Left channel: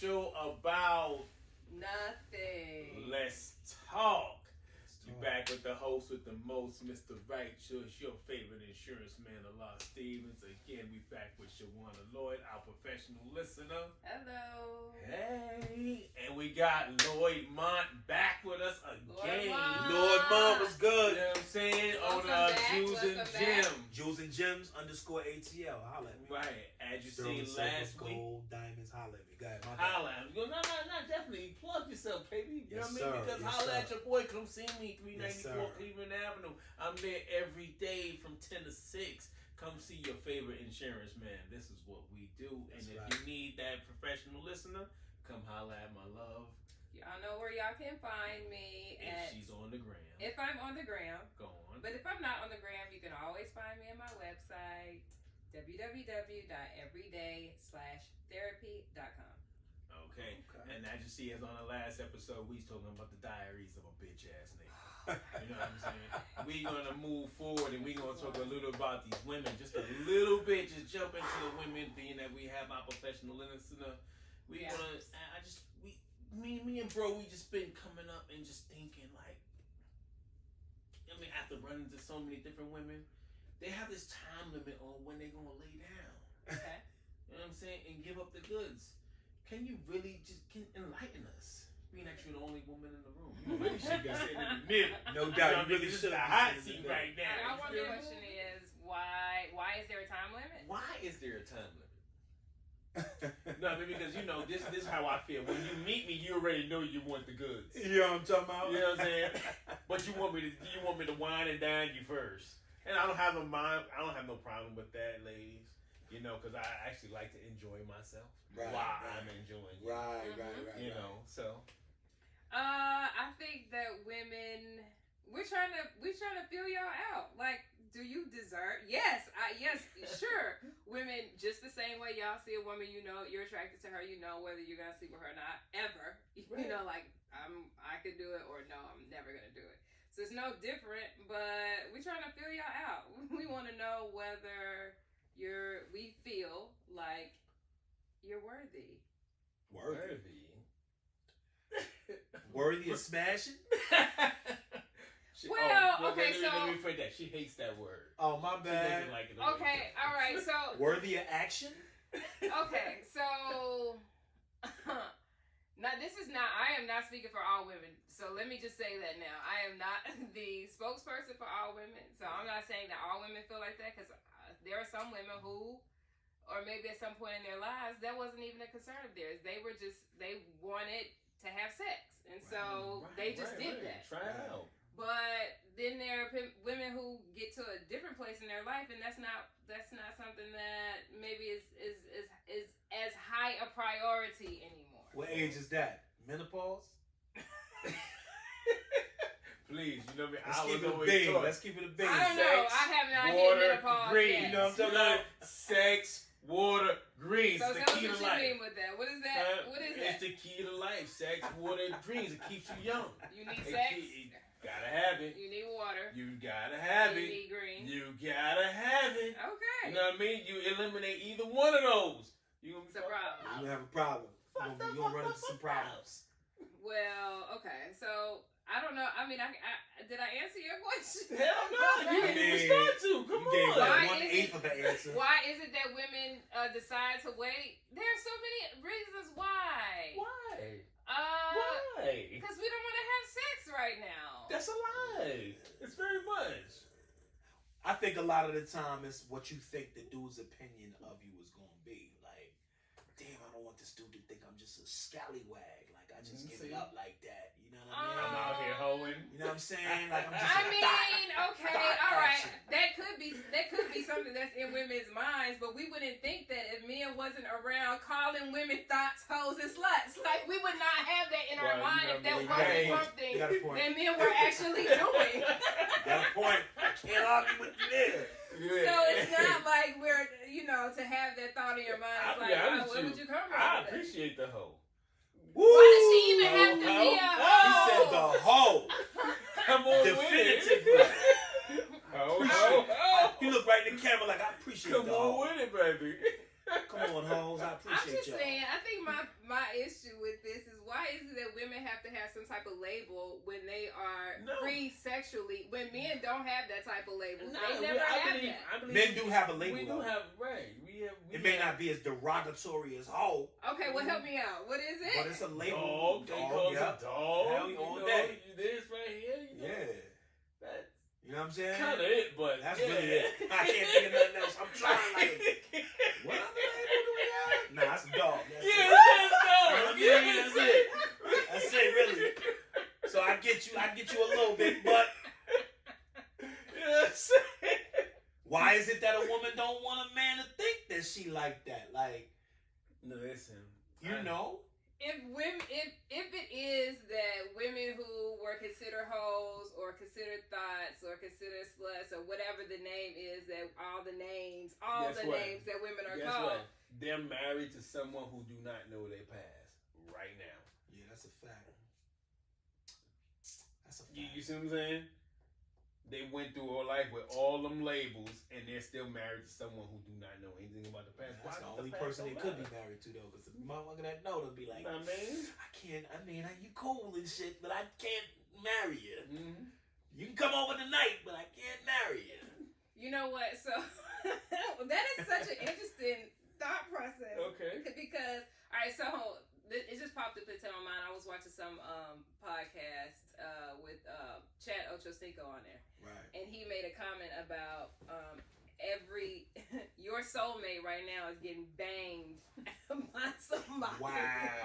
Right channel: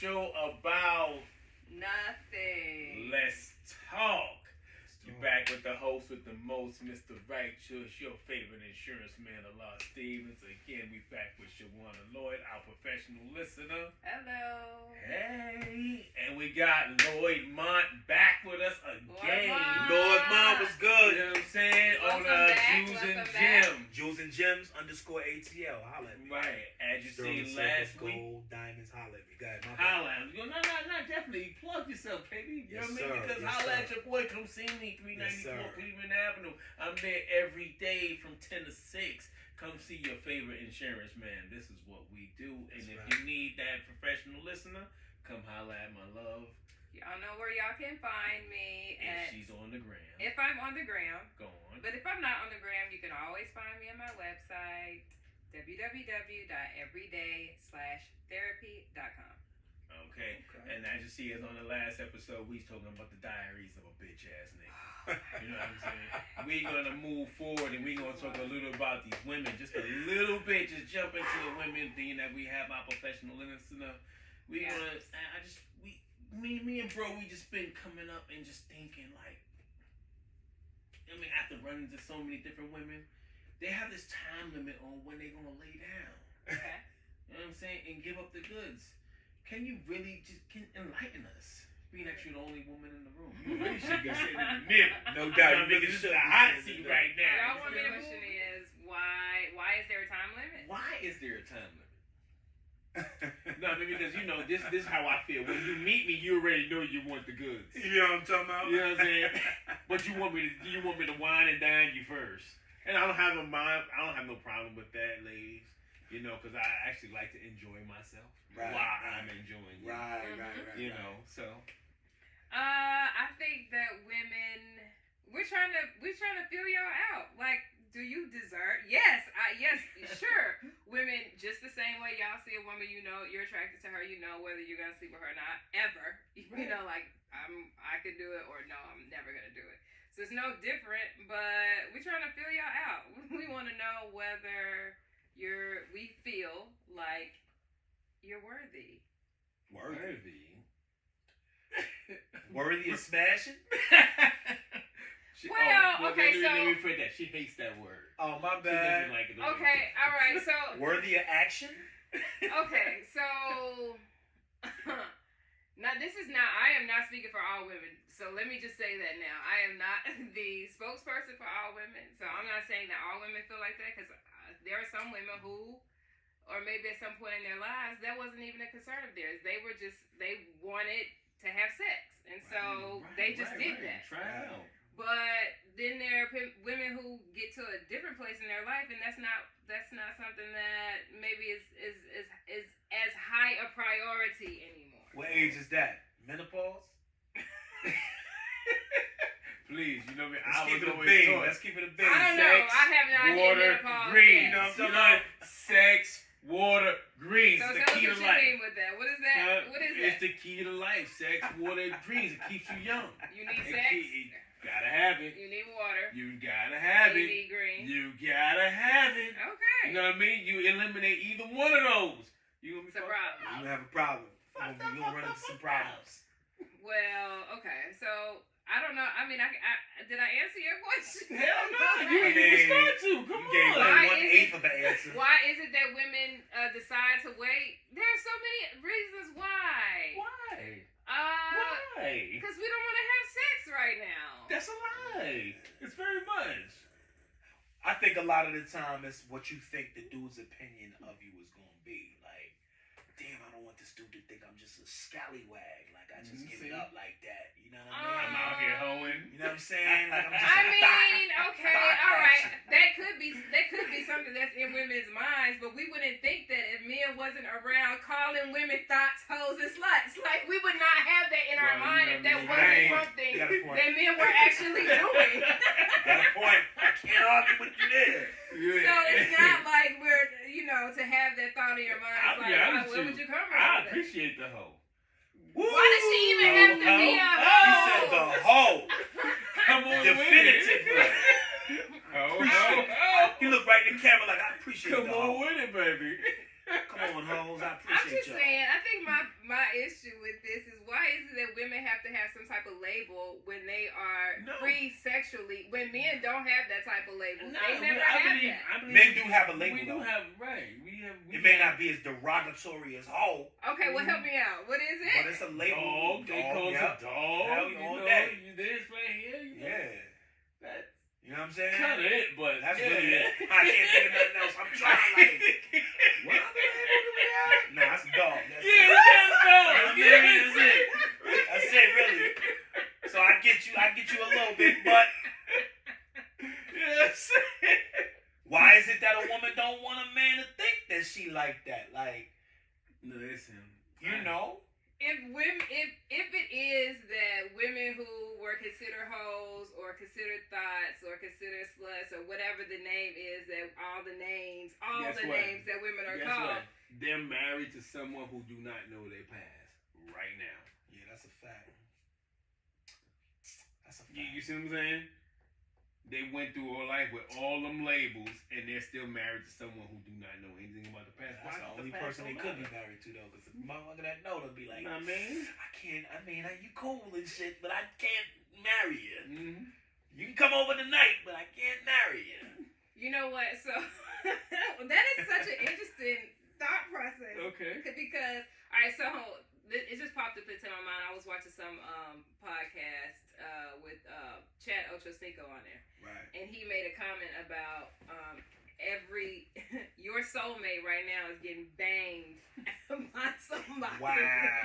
show about nothing. Let's talk. You back with the host with the most, Mr. Righteous, your favorite insurance man, Allah Stevens. Again, we back with Shawana Lloyd, our professional listener. Hello. Hey, and we got Lloyd Mont back with us again. Lloyd Mont was good. You know what I'm saying? Welcome On back, Jews and welcome back. Gems. Jules and Gems _ ATL. Holla at me. Right. As you Sterling seen silver, last week. gold, diamonds. Holla at me. Go ahead. My bad. Holla at him. You go, no, definitely. Plug yourself, baby. You know Yes, what I mean? sir. Because Yes, holla sir. at your boy. Come see me, 394 Yes, sir. Cleveland Avenue. I'm there every day from 10 to 6. Come see your favorite insurance man. This is what we do. And That's if right. you need that professional listener, come holla at my love. Y'all know where y'all can find me If she's on the gram. if I'm on the ground. Go on. But if I'm not on the gram, you can always find me on my website, www.everyday/therapy.com. Okay. And as you see, as on the last episode, we was talking about the diaries of a bitch ass nigga. You know what I'm saying? We gonna move forward and we gonna talk a little about these women, just a little bit. Just jump into the women, being that we have our professional listener. We Yeah. gonna, me and bro, we just been coming up and just thinking like, I mean, after running into so many different women, they have this time limit on when they gonna lay down. Okay. You know what I'm saying? And give up the goods. Can you really can enlighten us? Being that you're the only woman in the room. You really should be sitting in the middle. No doubt. You know, You niggas this is should the be hot sitting in seat the right now. Y'all You want feel me me? question is why is there a time limit? Why is there a time limit? No, I mean, because you know this is how I feel. When you meet me, you already know you want the goods. You know what I'm talking about? You know what I'm saying? But you want me to wine and dine you first. And I don't have no problem with that, ladies. You know, because I actually like to enjoy myself Right, while right. I'm enjoying you. Right. You know, so I think that women we're trying to feel y'all out. Like, do you deserve? Yes, sure. Women, just the same way y'all see a woman, you know you're attracted to her. You know whether you're gonna sleep with her or not, ever. You know, like I could do it or no, I'm never gonna do it. So it's no different. But we're trying to feel y'all out. We want to know whether we feel like you're worthy. Worthy of smashing? Okay, let me so- rephrase that. She hates that word. Oh, my She doesn't bad. like it. Okay, all right. So Worthy of action? okay, so now I am not speaking for all women. So let me just say that now. I am not the spokesperson for all women. So I'm not saying that all women feel like that, because there are some women who, or maybe at some point in their lives, that wasn't even a concern of theirs. They wanted to have sex, and so they just did that. Try it out. But then there are women who get to a different place in their life, and that's not something that maybe is as high a priority anymore. What age is that? Menopause? Please, you know me. Let's I keep was it a always bean. taught Let's keep it a bean. I don't know. Sex, I have not hit water, menopause green. yet. You know what I'm talking about? Sex, water, green. So It's the tell us key to what you life. mean with that. What is that? What is It's that? the key to life. Sex, water, and greens. It keeps you young. You need It sex. Gotta have it. You need water. You gotta have You it. need green. You gotta have it. Okay. You know what I mean? You eliminate either one of those. You gonna be It's a fucked problem. up. You have a problem. Fucked You're up, going to run fucked into some up, fucked up. problems. Well, okay. So I don't know. I mean, did I answer your question? Hell no. You I didn't mean, respond to. Come You gave on. Why like is 1/8 of the answer. Why is it that women decide to wait? There are so many reasons why. Why? Uh, Why? because we don't want to have sex right now. That's a lie. It's very much. I think a lot of the time it's what you think the dude's opinion of you is going to be. Like, damn, I don't want this dude to think I'm just a scallywag. Like, I just give it up like that. You know what I mean? I'm out here hoeing. You know what I'm saying? Like, I'm just I a mean, okay, thought all right. action. That could be something that's in women's minds, but we wouldn't think that if men wasn't around calling women thoughts, hoes, and sluts. Like, we would not have that in our Well, mind you if know, that you wasn't got a something point. that men were actually doing. You got a point. I can't argue with you there. So it's not like we're, to have that thought in your mind. It's like, where would you come from? I appreciate the hoe. Woo! Why does she even have to be a hoe? He said the hoe. Come on, Definitively. Oh. He looked right in the camera like, I appreciate Come the on hoe. with it, baby. Come on, hoes. I I'm appreciate just y'all. saying, I think my issue with this is why is it that women have to have some type of label when they are free sexually, when men don't have that type of label? No, they never I have believe, that. I believe Men do have a label. We do though. have, right. We It may not be as derogatory as hoe, Okay, well, help me out. What is it? but it's a label. dog. They call yeah. it dog. Hell, You all know, day. you this right here. You know, Yeah. That's You know what I'm saying? kind of it, but That's yeah. really it. I can't think of nothing else. I'm trying like, what other label do we have? Nah, that's a dog. That's Yeah, it. that's dog. You know what I mean? That's it. That's it, really. So I get you a little bit, but Yes. why is it that a woman don't want a man to think that she like that? Like, No, listen. you know? If it is that women who were considered hoes or considered thoughts or considered sluts or whatever the name is, that all the names that women are Guess called. what? They're married to someone who do not know their past right now. Yeah, that's a fact. That's a fact. You see what I'm saying? They went through all life with all them labels, and they're still married to someone who do not know anything about the past. That's the Why only the past person they don't could be matter? married to, though, because the motherfucker that know, they'll be like, You know what I mean? I mean, you cool and shit, but I can't marry you. Mm-hmm. You can come over tonight, but I can't marry you. You know what? So that is such an interesting thought process. Okay. Because all right, so it just popped up into my mind. I was watching some podcast with Chad Ochocinco on there, Right. and he made a comment about your soulmate right now is getting banged by somebody. Wow.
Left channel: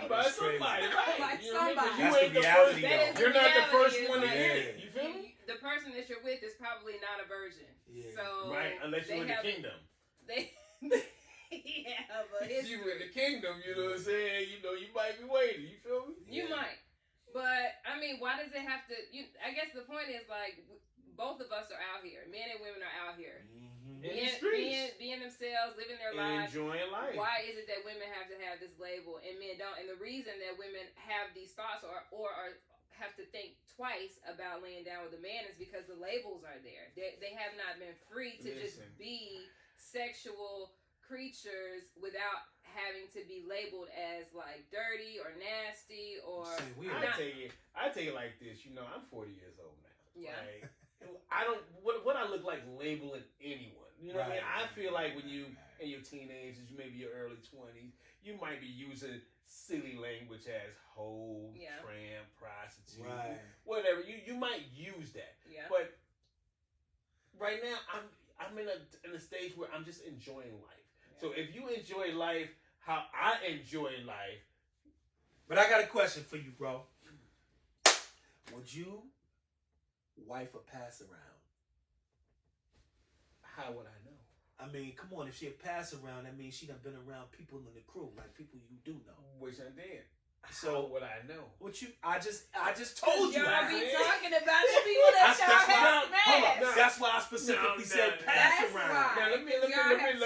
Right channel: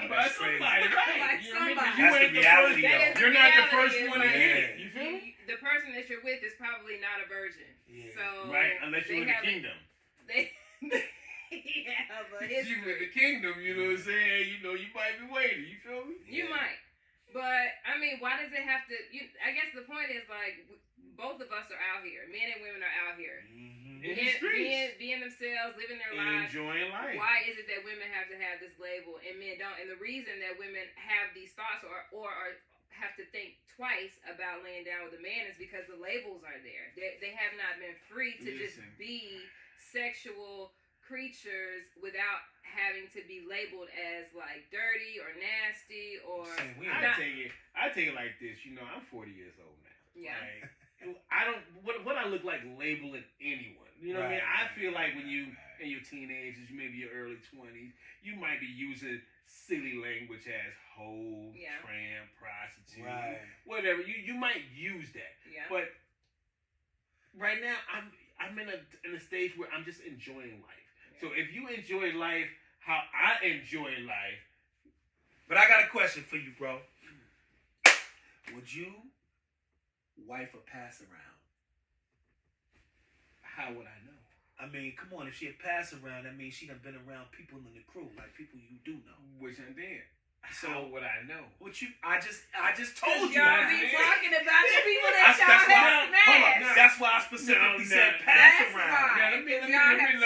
By That's crazy. somebody, right? By You know what I mean? 'Cause somebody. you That's ain't the the reality, first- That is You're not the reality, first is one to like- get it. You feel me? The person that you're with is probably not a virgin. Yeah. So Right, unless you're in the kingdom. They have a You in the history. kingdom, you know what I'm saying? You know, you might be waiting. You feel me? You might. But, I mean, why does it have to... I guess the point is, like, both of us are out here. Men and women are out here. Mm-hmm. In the streets. Being themselves, living their And lives. enjoying life. Why is it that women have to have this label and men don't? And the reason that women have these thoughts or have to think twice about laying down with a man is because the labels are there. They have not been free to just Listen. be sexual creatures without having to be labeled as like dirty or nasty or See, we I not. take it like this. You know, I'm 40 years old now. Yeah. Right? I don't. What I look like labeling anyone. You know what I mean? I feel like when you in your teenagers, maybe your early 20s, you might be using silly language as hoe, Yeah. tramp, prostitute, Right. whatever. You might use that, Yeah. but right now I'm in a stage where I'm just enjoying life. So if you enjoy life how I enjoy life, But I got a question for you, bro. Would you wife a pass around? how would I know? I mean, come on. If she a pass around, that means she done been around people in the crew, like people you do know. Which I did. So How would I know? what you? I just told you Y'all that. be man. talking about the people that That's y'all why. have Hold up. smashed. That's why I specifically No, said no. pass That's around. why. Now, let me Y'all say have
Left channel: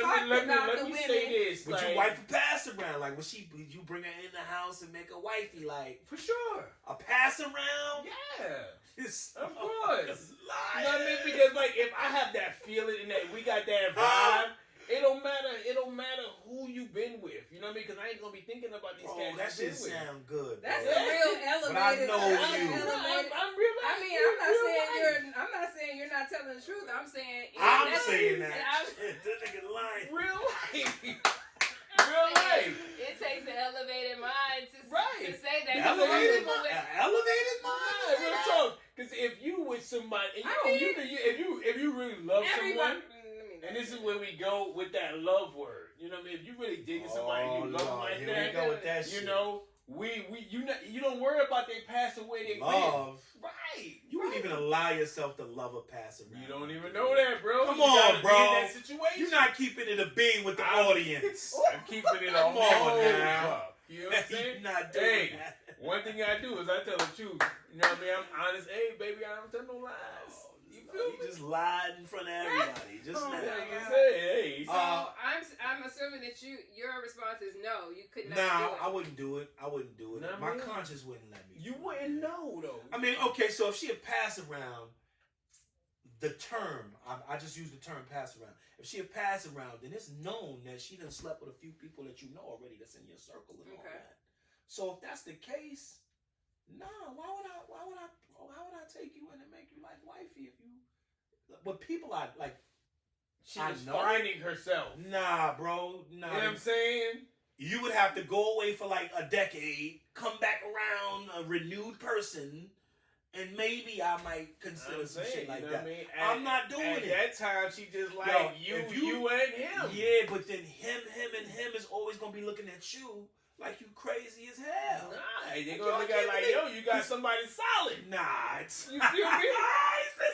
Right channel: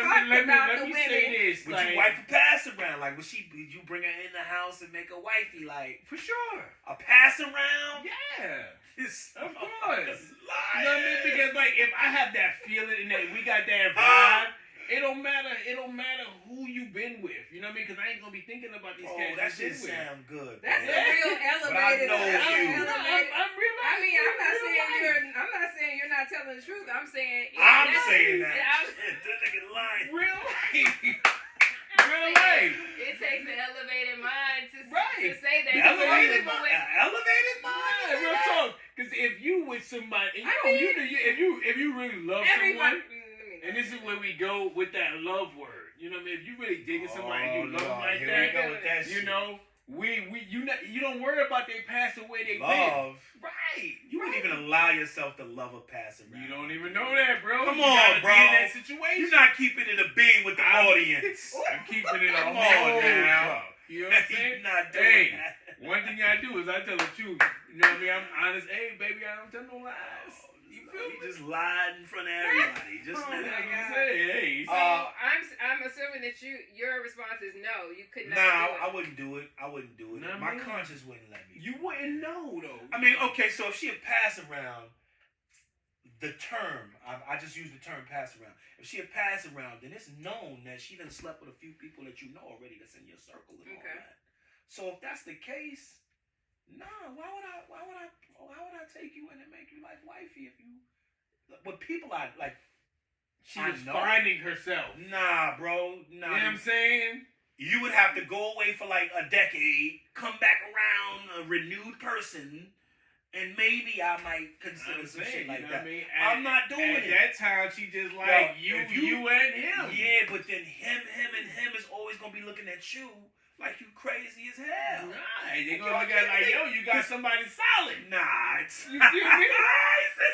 this. Would like, you wife a pass around? Like, would you bring her in the house and make a wifey? Like, for sure? a pass around? Yeah. It's, Of course. it's You know what I mean? lying. Because like if I have that feeling and that we got that vibe, it don't matter who you been with. You know what I mean? Because I ain't gonna be thinking about these Oh, cats. that you shit been with. sound good. That's bro. a real elevated. know you. elevated- I'm real. I mean, I'm not saying you're not telling the truth. I'm saying I'm that's- saying that. I'm- Shit, this nigga lying. real life. I'm Real saying life. It takes an elevated mind to Right. say that. Elevated People with- mind. Elevated mind. Yeah, real talk. Because if you with somebody, and I you know, mean- if you really love Everybody. someone. And this is where we go with that love word. You know what I mean? If you really digging somebody and you love them like here that, we go with that you shit. know, you don't worry about they pass away, they Love. been. Right. You wouldn't even allow yourself to love a pass around. You don't even know that, bro. Come You on, gotta bro. Be in that situation. You're not keeping it a being with the audience. I'm keeping it a Come on whole now. bro. You know what I'm You're saying? not doing Hey, that. one thing I do is I tell the truth. You know what I mean? I'm honest. Hey, baby, I don't tell no lies. You No, feel he me? just lied in front of everybody. Just Oh now. my Like I God. say, hey. So I'm assuming that your response is no. You could not do Nah, it. I wouldn't do it. I wouldn't do it. Nah, My man. conscience wouldn't let me. You wouldn't know though. I mean, okay, so if she a pass around, the term, I just use the term pass around. If she a pass around, then it's known that she done slept with a few people that you know already that's in your circle and all that. So if that's the case, nah, why would I take you in and make you like wifey if you? But people are like, she was finding herself. Nah, bro. Nah. You know what I'm saying? You would have to go away for like a decade, come back around a renewed person, and maybe I might consider some shit like that. I mean? I'm not doing it. At that time, she just like, you and him. Yeah, but then him is always going to be looking at you like you crazy as hell. Right. They're going to look at it like, yo, you got somebody solid. Nah. It's, you feel me?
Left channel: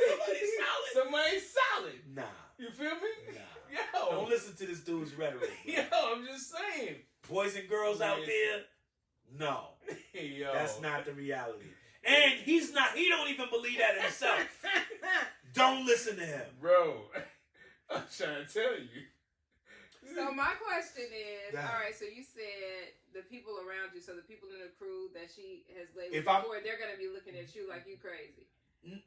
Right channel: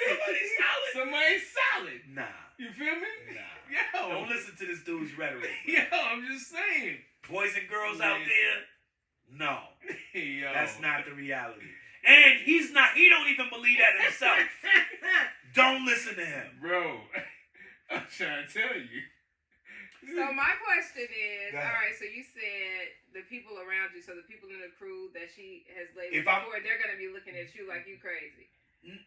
Somebody solid. Somebody solid. Nah. You feel me? Nah. Yo. Don't listen to this dude's rhetoric. Bro. Yo, I'm just saying. Boys and girls out there, no. Yo. That's not the reality. And he don't even believe that himself. Don't listen to him. Bro, I'm trying to tell you. So my question is, all right, so you said the people around you, so the people in the crew that she has laid with before, they're going to be looking at you like you crazy.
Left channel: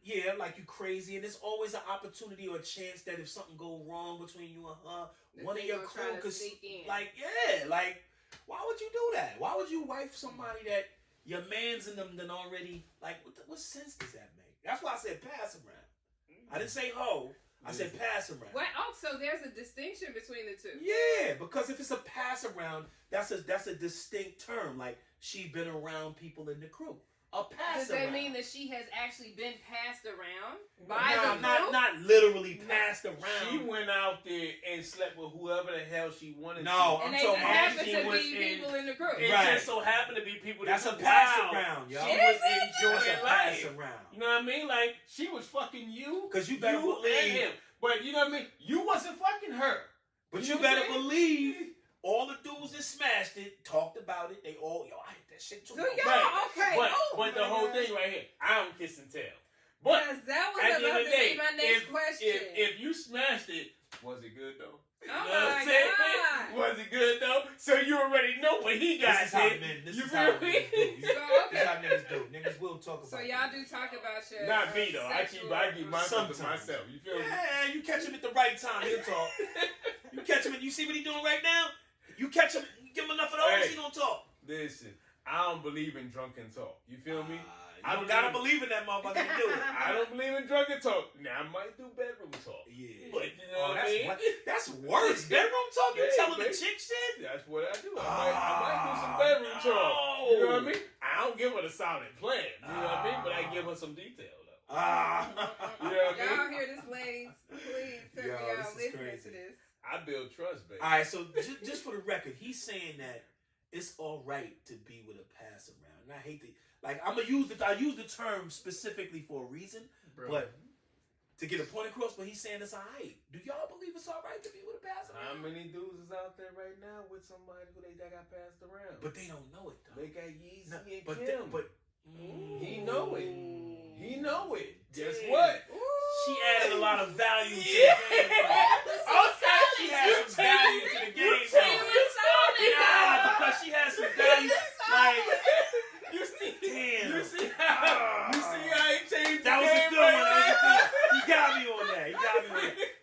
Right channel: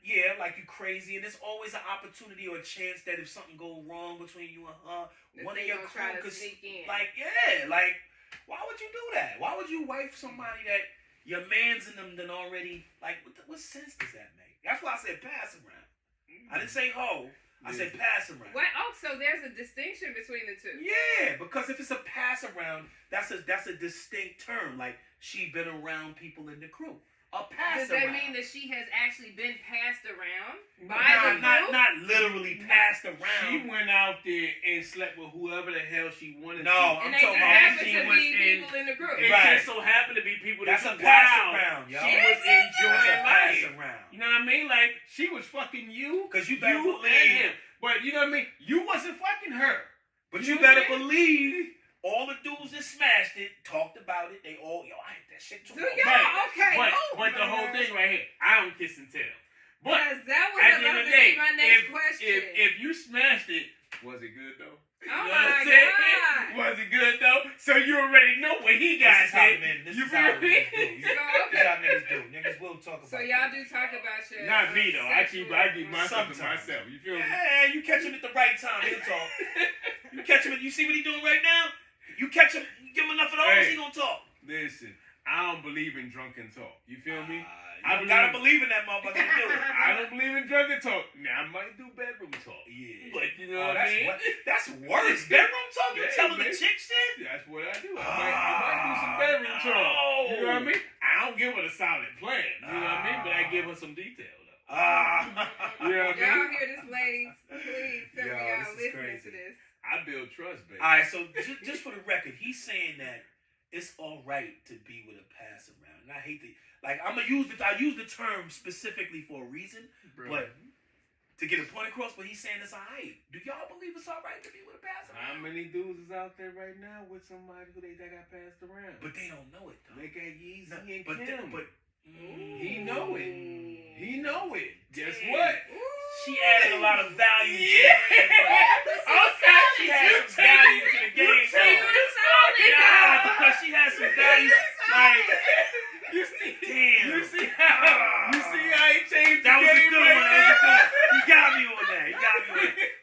Yeah, like you crazy, and there's always an opportunity or a chance that if something go wrong between you and her, one of your crew could sneak in. Like, yeah, like, why would you do that? Why would you wife somebody that your man's in them done already? Like, what sense does that make? That's why I said pass around. I didn't say hoe. I said pass around. What? Oh, so there's a distinction between the two. Yeah, because if it's a pass around, that's a distinct term. Like, she been around people in the crew. A pass Does that around. mean that she has actually been passed around by the crew? Not literally passed around. She went out there and slept with whoever the hell she wanted to. No, and I'm they talking just about happen to be people in the crew. It just so happened to be people that that's a pass around, yo. She was enjoying pass life. around. You know what I mean? Like, she was fucking you. Because you better believe. And him. But you know what I mean? You wasn't fucking her. But you better believe all the dudes that smashed it talked about it. They all, yo, I hate that shit too. Do y'all? Okay. But the whole thing right here, I don't kiss and tell. But yes, that was at the end of the day, my next question. If you smashed it, was it good though? Oh my God. Was it good though? So you already know what he got. This is how niggas do. This is how niggas do. Niggas will talk about. So y'all do talk about your. Not me though. I keep myself to myself. You feel me? Yeah, you catch him at the right time, he'll talk. You catch him. You see what he doing right now? You catch him. You give him enough of those, he gonna talk. Listen, I don't believe in drunken talk. You feel me? I gotta believe in that motherfucker to do it. I don't believe in drunken talk. Now I might do bedroom talk. Yeah, but you know what I mean? That's worse. Bedroom talk? You telling the chick shit? That's what I do. I might do some bedroom talk. You know what I mean? I don't give her the solid plan. You know what I mean? But I give her some detail though. You know what I mean? Y'all hear this, ladies? Please tell me y'all listening to this. I build trust, baby. All right, so just for the record, he's saying that it's all right to be with a pass around. And I hate to, like, I use the term specifically for a reason, but to get a point across. But he's saying it's all right. Do y'all believe it's all right to be with a pass around? How many dudes is out there right now with somebody who that got passed around? But they don't know it though. They got Yeezy and Kim. He know it. He know it. Guess what? She added a lot of value to the game. Okay. She had some value to the game. Because she has some value. Like, you see, damn. You see how he changed that the was game a good right one. there? That was a good one. He got me on that.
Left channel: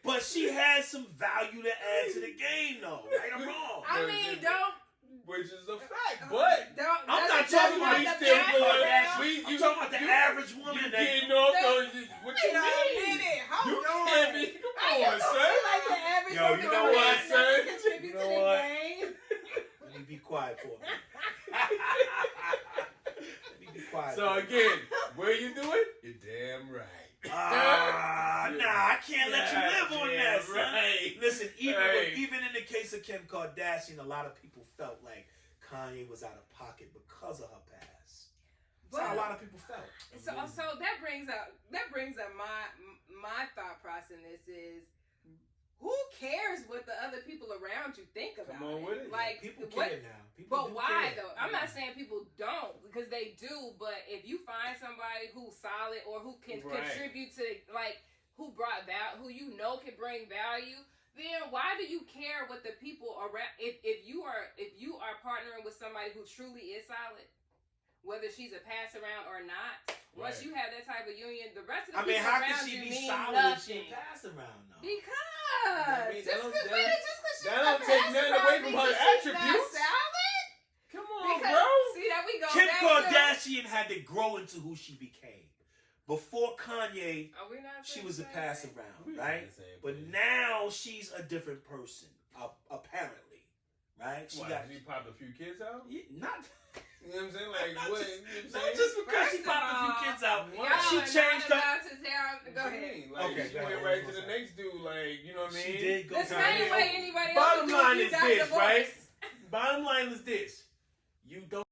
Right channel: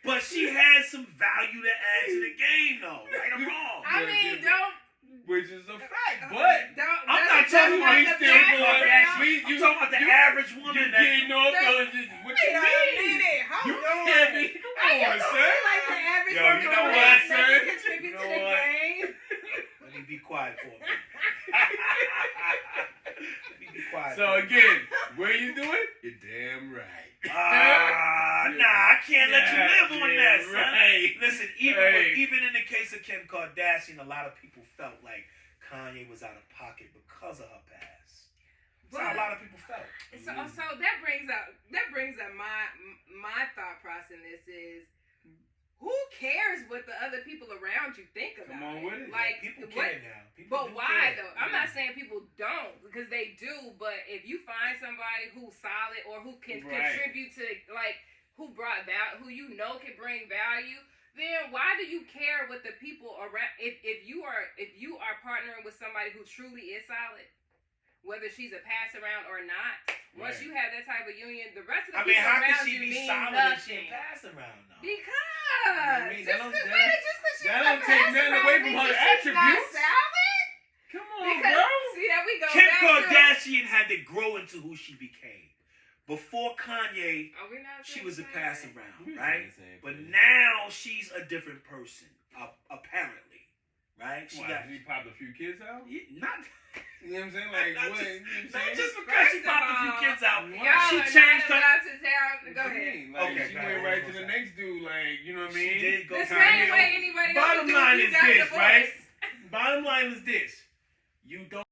But she has some value to add to the game, though. Right or wrong? I mean, don't. Which is a fact, but I'm not talking about you still I'm talking about the average woman that getting off on what you mean? You can't be. Come on, son. Like the average Yo, you know what, son? Contribute You to know the what? game. Let me be quiet for a minute. Let me be quiet. So again, where you doing? You're damn right. Nah, I can't let you live on that, son. Right. Listen, even in the case of Kim Kardashian, a lot of people felt like Kanye was out of pocket because of her past. That's how a lot of people felt. So that brings up my thought process in this is, who cares what the other people around you think about? Come on with it. Like, people care now. But why though? I'm not saying people don't, because they do. But if you find somebody who's solid or who can contribute to, like, who you know can bring value, then why do you care what the people around? If you are partnering with somebody who truly is solid, whether she's a pass around or not. Once Right. you have that type of union, the rest of the I mean, people how around can she you be mean solid nothing. if she pass around though? Because I mean, just that don't- because she's that a don't take pass nothing around away from means her that she's not attributes. solid. Come on, Because bro. see that we go Kim back Kardashian had to grow into who she became. Before Kanye, to. Are we not she saying was a the same pass thing? around, right? But now she's a different person, apparently, right? She got She popped a few kids out. not. You know what I'm saying? Like Not what? just- You know what I'm Not saying? just because she First of popped a few all, kids out. Y'all She are changed not her. allowed to tell. Go What you ahead. mean? Like, Okay, she go went ahead. right to What's the that? next dude. Like, you know what I She mean? did go The Kanye. same way anybody else Bottom would do line if you is got this, divorced. right? Bottom line is this: you don't